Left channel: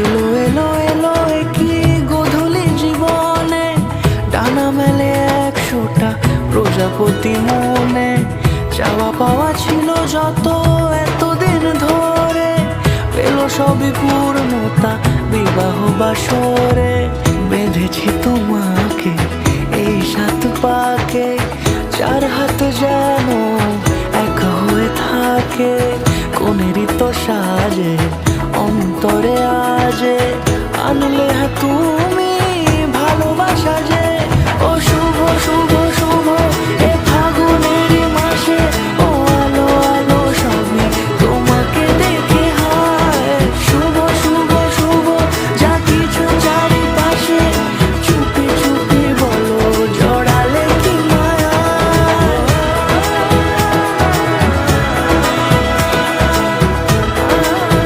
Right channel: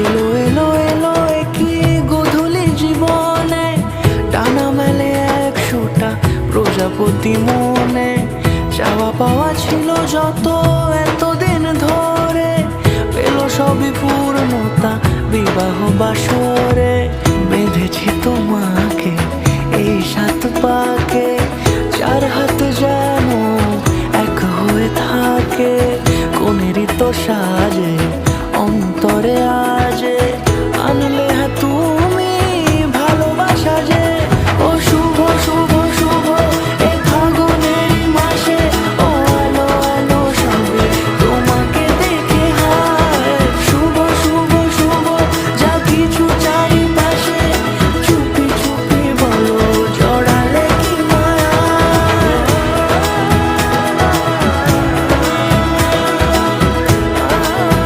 এলো এলো এলো কি গোধূলি জীবনে, ডানা মেলে 100টা প্রজাপতি মনে। চাওয়া পাওয়া ছিল যত এতদিন ধরে, পেল সবই পূর্ণতা বিবাহ বাসরে। বেঁধেছি তোমাকে এই 7 পাকে, 4 হাত যেন এক হয়ে থাকে। কোনেরই তো সাজে অন্তরে আজে, আনলে তুমি ভালোবাসা যে। ও শুভ শুভ শুভ